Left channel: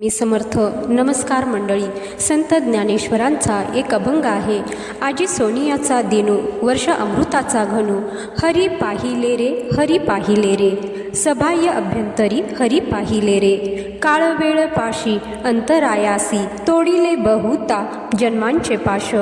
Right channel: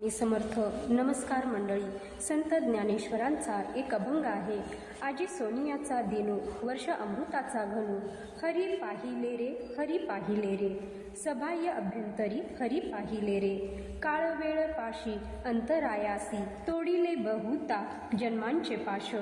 मी समर्थ. नमस्कार मंडळी. संत ज्ञानेश्वरांचा एक अभंग आहे. आजी सोनियाचा दिनू, वर्ष अमृताचा घनू. हरी पाहिले रे, हरी पाहिले रे, सबाह्य अभ्यंतरी हरी पाहिले रे. काळ वेळ पाशी अंतरायासी, तोडिले बहुता जन्मांचे पाश.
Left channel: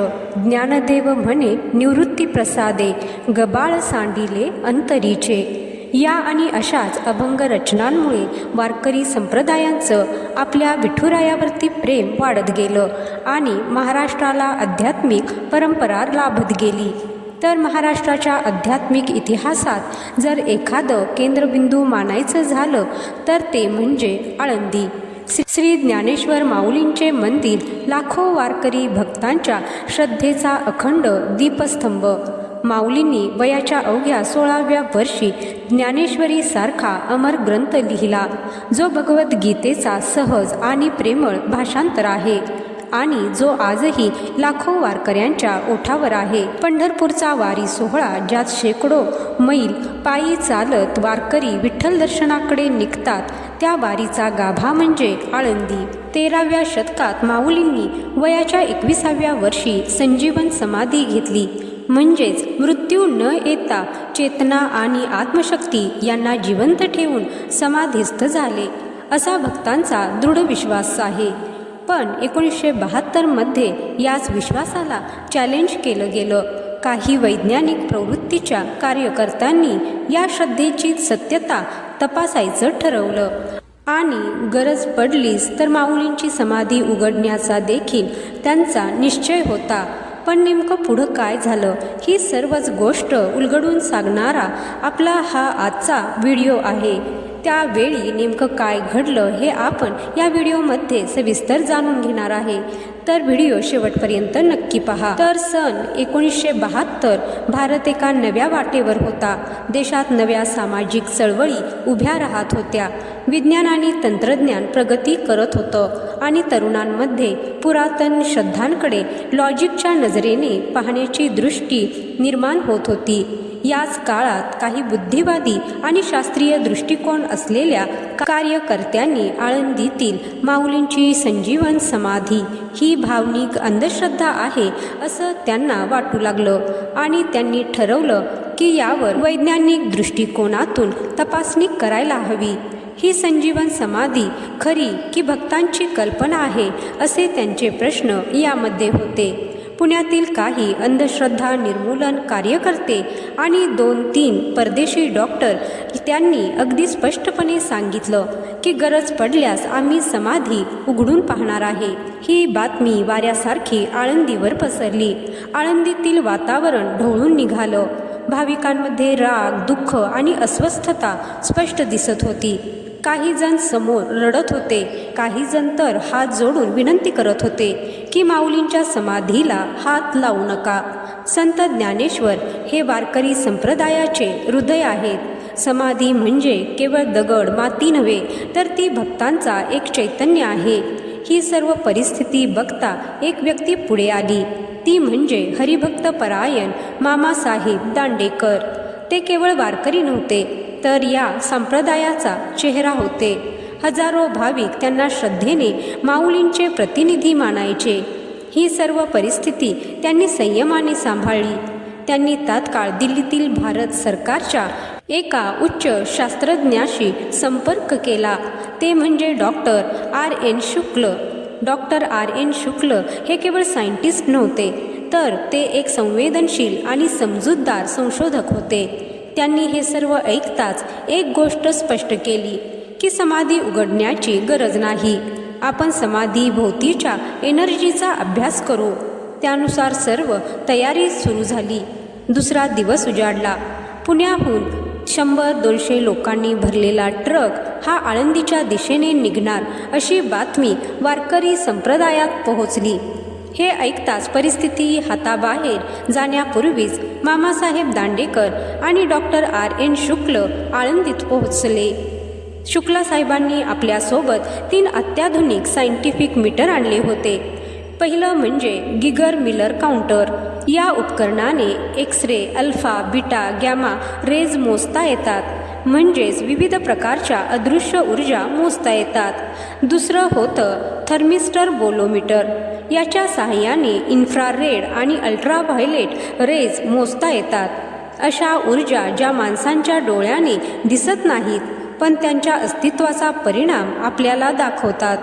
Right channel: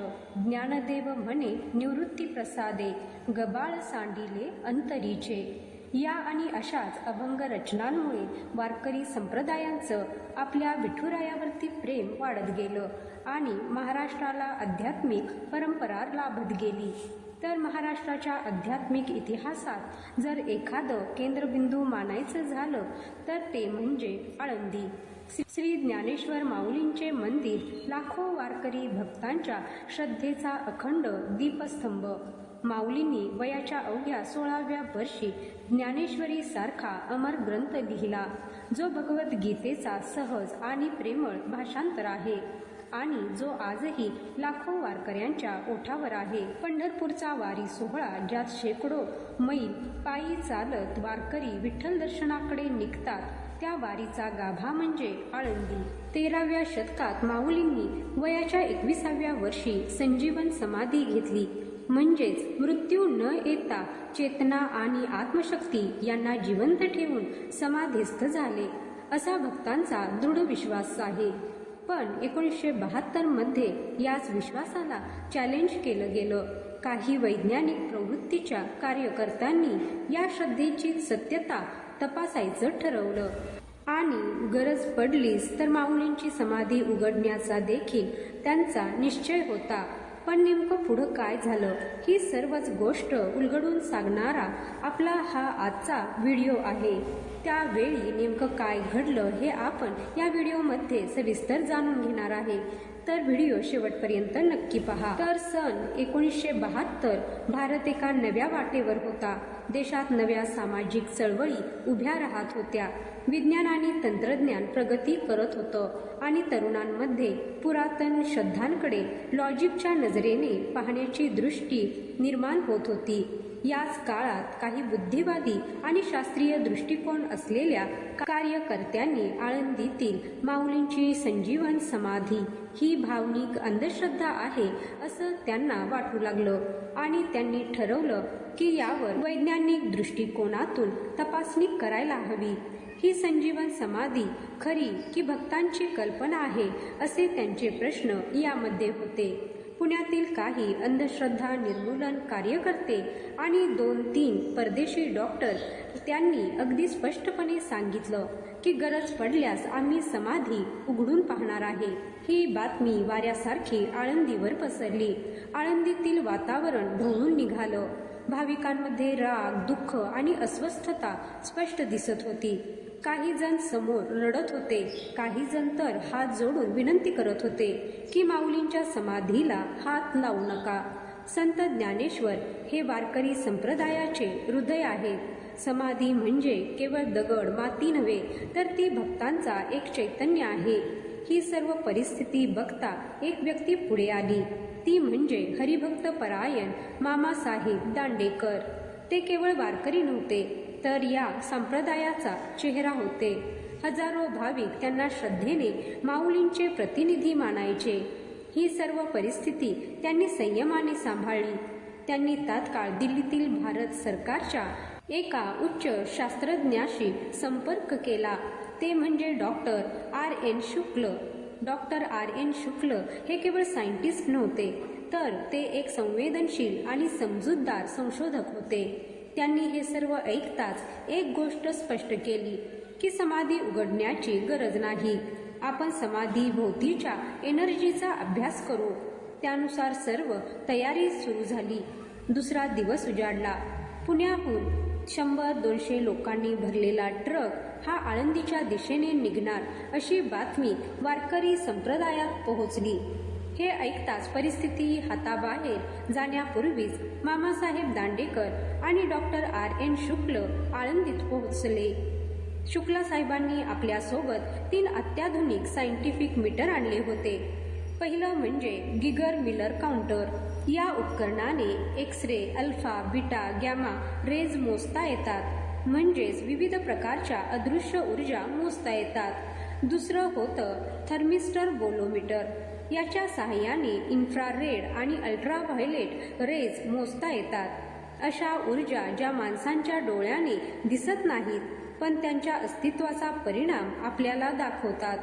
ज्ञानदेव म्हणे निवृत्ती प्रसादे, गबाळ सांडिले अंतरीचे. या आणि अशाच अभंग रचनांमुळे वारकरी संप्रदायांचं आपल्या विठुरायावरती प्रेम वाढत गेलं आणि महाराष्ट्राला आध्यात्मिक परंपरा लाभत गेली. तर महाराष्ट्राच्या आध्यात्मिक इतिहासात जर एखादं केंद्रबिंदू मानायचं झालं तर ते म्हणजे आळंदी. श्री ज्ञानेश्वर माऊलींचे मंदिर लाखो वारकरी भक्तांच्या श्रद्धेचा अखंड दीपस्तंभ. माऊलींनी वयाच्या अवघ्या 16व्या वर्षी ज्ञानेश्वरी सारखा अमर ग्रंथ लिहिला, जो भगवद्गीतेचा सहज आणि प्रेमळ भाषांतर आहे आणि जो आजही लाखो वारकऱ्यांच्या ओठावर आहे. पंढरपूरचा वारी सोहळा, ज्यात शेकडो मैल पायी चालत वारकरी विठ्ठल दर्शनाकडे निघतात, त्या वारीचा गाभा म्हणजे आळंदी. 13व्या शतकात माऊलींनी वयाच्या 21व्या वर्षी संजीवन समाधी घेतली, म्हणजेच मृत्यू न येता चेतना आणि आत्मशक्ती यांना जिवंत ठेवून समाधीस्थ झाले, असा भक्तांचा दृढ विश्वास आहे. पण 1972मध्ये याच विश्वासाला चॅलेंज केलं गेलं. काही वैज्ञानिक प्रवृत्तीच्या कार्यकर्त्यांनी या श्रद्धेची सत्यता तपासायचं ठरवलं आणि गरज पडलीच तर माऊलींची समाधी उघडण्याचा देखील त्यांचा निश्चय होता. पण नेमकं पुढं काय झालं, ही सर्वच गोष्ट उलगडून सांगणारा आपला हा आजचा व्हिडिओ आहे. त्यावेळी नेमकं काय घडलं हे आपण या व्हिडिओमध्ये सविस्तर जाणून घेणार आहे, तर व्हिडिओ शेवटपर्यंत नक्की पहा. तर सन 1972 भारत एका नव्या वाटेवर होता. देशात नव्या सामाजिक चळवळी उभ्या राहत होत्या. विज्ञान आणि तंत्रज्ञान प्रगती करत होतं आणि तरुणांमध्ये पुरातन श्रद्धांकडे लॉजिकच्या नजरेने पाहण्याची दृष्टी निर्माण होत होती. याच काळात काही बुद्धिवादी आणि शास्त्रीय दृष्टिकोन असलेल्या कार्यकर्त्यांनी आळंदीतील माऊलींची संजीवन समाधी ही भावनिक अंधश्रद्धा आहे असं त्यांना वाटू लागलं आणि त्यांनी ठरवलं की यावर वैज्ञानिक दृष्टिकोनातून तपासणी करायला हवी. ही संजीवन समाधी खरी की भक्तांची कल्पना आहे, असे त्यांचे प्रश्न यामध्ये होते. पुण्यातील काही अंधश्रद्धा निर्मूलन कार्यकर्ते आणि 2-3 परदेशी डॉक्टर त्यांनी अगदी स्पष्टपणे सांगितलं की गरज पडल्यास आम्ही समाधी उघडून पाहणार आहे. ही बातमी वाऱ्यासारखी आळंदीवर पसरली. आळंदीतील वातावरण ढवळून निघालं. भाविकांमध्ये राग, दुःख आणि अस्वस्थता स्पष्ट दिसत होती. काही जण समोर रडत होते, काही जण तर हात जोडून विनंती करत होते की माऊलींच्या समाधीला हात लावू नका. संत ज्ञानेश्वर हे वारकरी संप्रदायाचे हृदय आहेत. समाधी म्हणजे केवळ दगड माती नव्हे, तर ती भक्तांचा एक चैतन्य आहे. ही सर्व परिस्थिती बघता एक व्यक्ती पुढे आली, ती म्हणजे हरिभक्त परायण मामासाहेब दांडेकर. ते केवळ वारकरी नव्हते, तर या संप्रदायाचा चेहरा होते. हजारो भाविक त्यांना श्रद्धेने माऊलींचे प्रतिनिधी मानायचे. ही सर्व परिस्थिती त्यांनी संयमाने सांभाळली. त्यांनी तात्काळ दिल्लीतील भारत सरकारच्या एका उच्च शास्त्रज्ञाशी संपर्क केला, ते म्हणजे डॉक्टर R.N. शुक्ल. Doctor R.N. शुक्ल हे केवळ सायंटिस्ट नव्हते, तर ते एक संवेदनशील आणि समजूतदार संशोधक होते. त्यांनी हे सर्व ऐकताच एक गोष्ट स्पष्ट केली की समाधी उघडण्याची गरज नाही. आपण समाधी भोवतीच्या एनर्जीचा अभ्यास करू. त्यानुसार सर्व तयारी सुरू झाली. दुसरा दिवस उजाडला. पुण्याहून 100-200 लोकांनी भरलेला ट्रक हा आळंदीच्या दिशेने निघणार अशी बातमी वारकरी संप्रदायात पोहोचली. हे ऐकताच परिस्थिती हाताबाहेर जाण्यापूर्वीच मामासाहेब दांडेकर आणि डॉक्टर R.N. शुक्ल आळंदीत पोहोचले. शुक्ला साहेबांनी आपल्यासोबत 3 अत्याधुनिक सायंटिफिक मीटर आणले होते. पहिलं म्हणजे गिगर मिलर काउंटर. या उपकरणाने X-ray, alpha, beta, gamma rays मोजता येतात. म्हणजेच विविध प्रकारच्या अदृश्य ऊर्जा मोजता येतात. दुसरं होतं थर्मिस्टर बोलोमीटर. याच्या सहाय्याने इन्फ्रारेड आणि अल्ट्राव्हायलेट रेज मोजता येतात. अशा ऊर्जा ज्या माणसांच्या डोळ्याने दिसत नाहीत पण त्यांच्या अस्तित्वाचा परिणाम आपल्याला दाखवतात.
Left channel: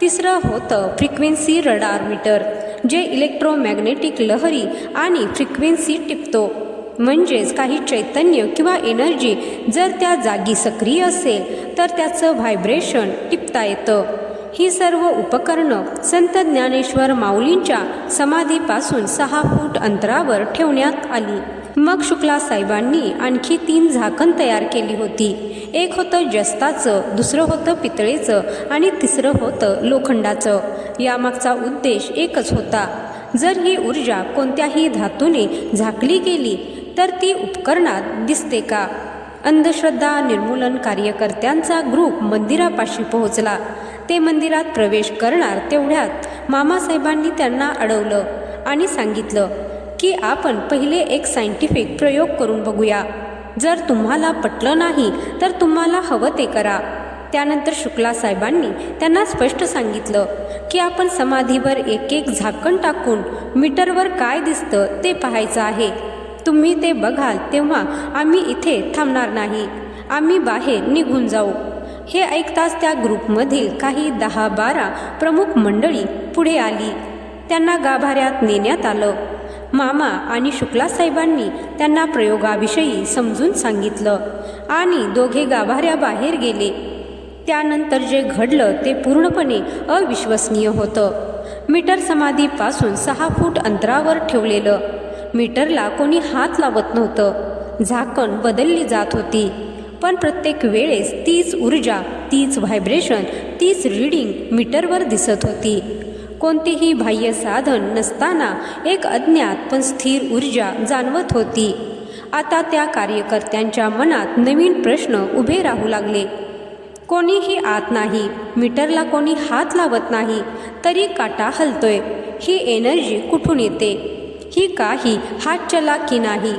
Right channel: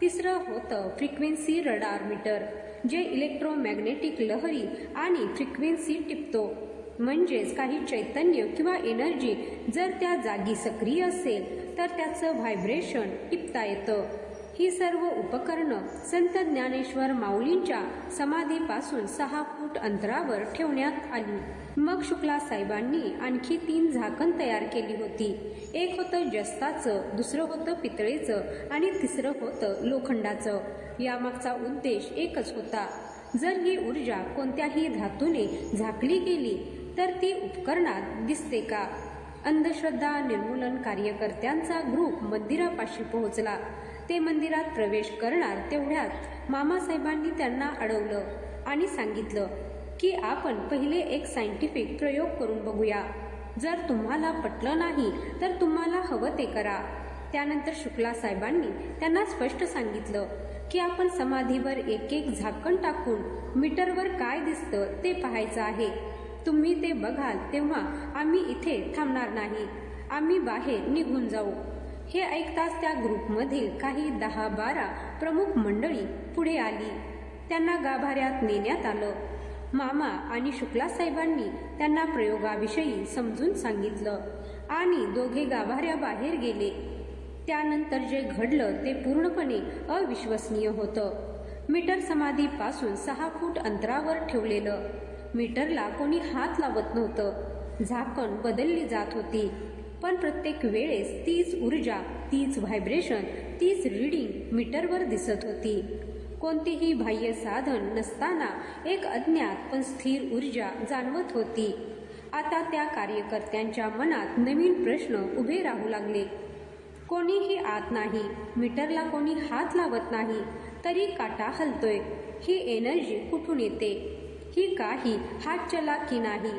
तिसरं होतं फ्रिक्वेन्सी रडार मीटर, जे इलेक्ट्रोमॅग्नेटिक लहरी आणि फ्रिक्वेन्सी टिपतो. म्हणजेच काही चैतन्य किंवा एनर्जी जर त्या जागी सक्रिय असेल तर त्याचं व्हायब्रेशन टिपता येतं. ही सर्व उपकरणं संत ज्ञानेश्वर माऊलींच्या समाधीपासून 6 फूट अंतरावर ठेवण्यात आली. मग शुक्ला साहेबांनी आणखी 3 झाकण तयार केली होती. एक होतं जस्ताचं, दुसरं होतं पितळेचं आणि तिसरं होतं लोखंडाचं. यामागचा उद्देश एकच होता, जर ही ऊर्जा कोणत्याही धातूने झाकली गेली तर ती उपकरणात दिसते का. अंधश्रद्धा निर्मूलन कार्यकर्त्यांचा ग्रुप मंदिरापाशी पोहोचला. ते मंदिरात प्रवेश करणार तेवढ्यात मामासाहेबांनी त्यांना अडवलं आणि सांगितलं की आपण पहिले एक सायंटिफिक प्रयोग करून बघूया. जर तुम्हाला पटलं नाही तर तुम्हाला हवं ते करा. त्यानंतर शुक्ला साहेबांनी त्यांना स्पष्ट सांगितलं की आपण समाधीवर एक एक झाकण टाकून मीटरवर काय दिसतं ते पाहायचं आहे. तुम्ही ते बघाल तेव्हा आम्ही इथे थांबणार नाही, आम्ही बाहेर निघून जाऊ. हे ऐकताच त्या ग्रुपमधील काही 10-12 प्रमुख मंडळी पुढे आली. त्यांना गाभाऱ्यात नेण्यात आलं. मामा आणि शुक्ला साहेबांनी त्यांना प्रयोगाविषयी समजून सांगितलं आणि दोघे गाभाऱ्याबाहेर गेले. त्यानंतर जे घडलं ते पूर्णपणे अविश्वसनीय होतं. मीटर समाधीपासून 6 फूट अंतरावर ठेवलेलं. मीटरला कोणी हात लावत नव्हतं. झाकण बदलली जात होती, पण प्रत्येक वेळेस तीच ऊर्जा, तीच व्हायब्रेशन, तीच रीडिंग मीटरवर दिसत होती. कोणतेही बाह्य साधन नसताना एक अज्ञात पण स्थिर ऊर्जा जाणवत होती. आता त्या कार्यकर्त्यांच्या मनात नवीन प्रश्न उभे राहू लागले. कोणीही आत नाही, मीटरला कोणी हात लावत नाही, तरी काटा हलतोय. ही एनर्जी कुठून येते? ही काही हातचलाखी नाही,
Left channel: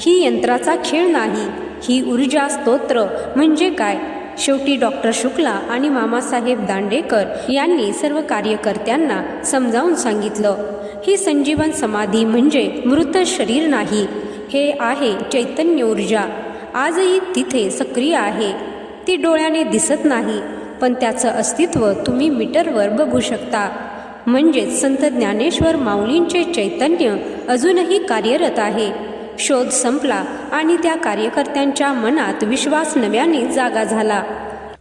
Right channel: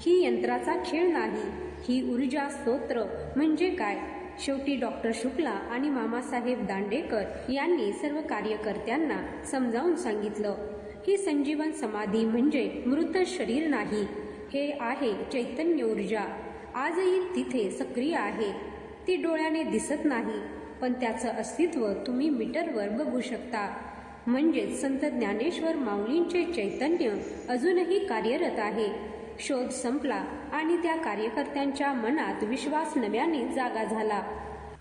ही यंत्राचा खेळ नाही. ही ऊर्जा स्तोत्र म्हणजे काय? शेवटी डॉक्टर शुक्ला आणि मामासाहेब दांडेकर यांनी सर्व कार्यकर्त्यांना समजावून सांगितलं, ही संजीवन समाधी म्हणजे मृत शरीर नाही, हे आहे चैतन्य ऊर्जा. आजही तिथे सक्रिय आहे. ती डोळ्याने दिसत नाही, पण त्याचं अस्तित्व तुम्ही मीटरवर बघू शकता. म्हणजेच संत ज्ञानेश्वर माऊलींचे चैतन्य अजूनही कार्यरत आहे. शोध संपला आणि त्या कार्यकर्त्यांच्या मनात विश्वास नव्याने जागा झाला.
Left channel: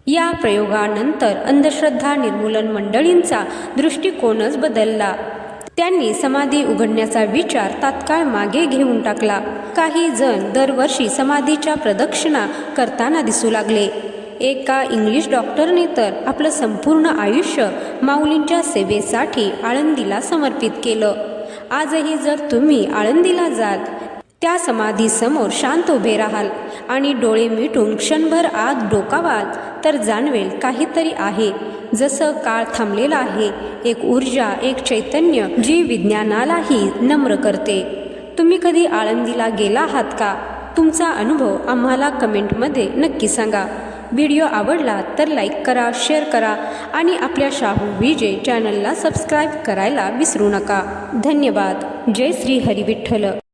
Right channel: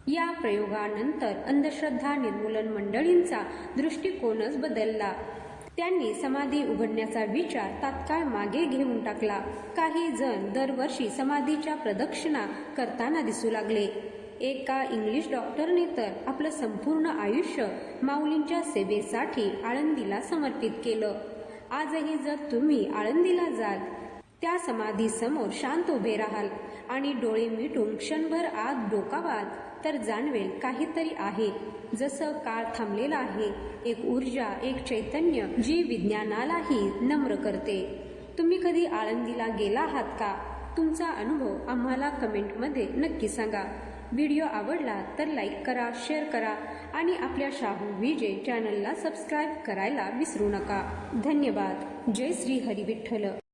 या प्रयोगानंतर अंधश्रद्धा निर्मूलन मंडळींचा दृष्टिकोनच बदलला. त्यांनी समाधी उघडण्याचा विचार तात्काळ मागे घेऊन टाकला. काही जण दरवर्षी समाधीच्या प्रदक्षिणा करताना दिसू लागले. एका इंग्लिश डॉक्टरने तर आपलं संपूर्ण आयुष्य माऊलींच्या सेवेसाठी आळंदीला समर्पित केलं. आजही जर तुम्ही आळंदीला जाल, त्या समाधीसमोर शांत उभे राहाल आणि डोळे मिटून क्षणभर आत डोकावाल तर जाणवेल काहीतरी आहे. जसं काळ थांबलेला आहे, एक ऊर्जा, एक चैतन्य जी विज्ञानालाही नम्र करते. तुम्ही कधी आळंदीला गेला आहात का? तुमचा अनुभव आम्हाला कमेंटमध्ये नक्की सांगा. व्हिडिओ आवडला तर लाईक करा, शेअर करा आणि आपल्या शाहू विजय चॅनलला सबस्क्राईब करायला विसरू नका. धन्यवाद. जय श्री हरी विठ्ठल.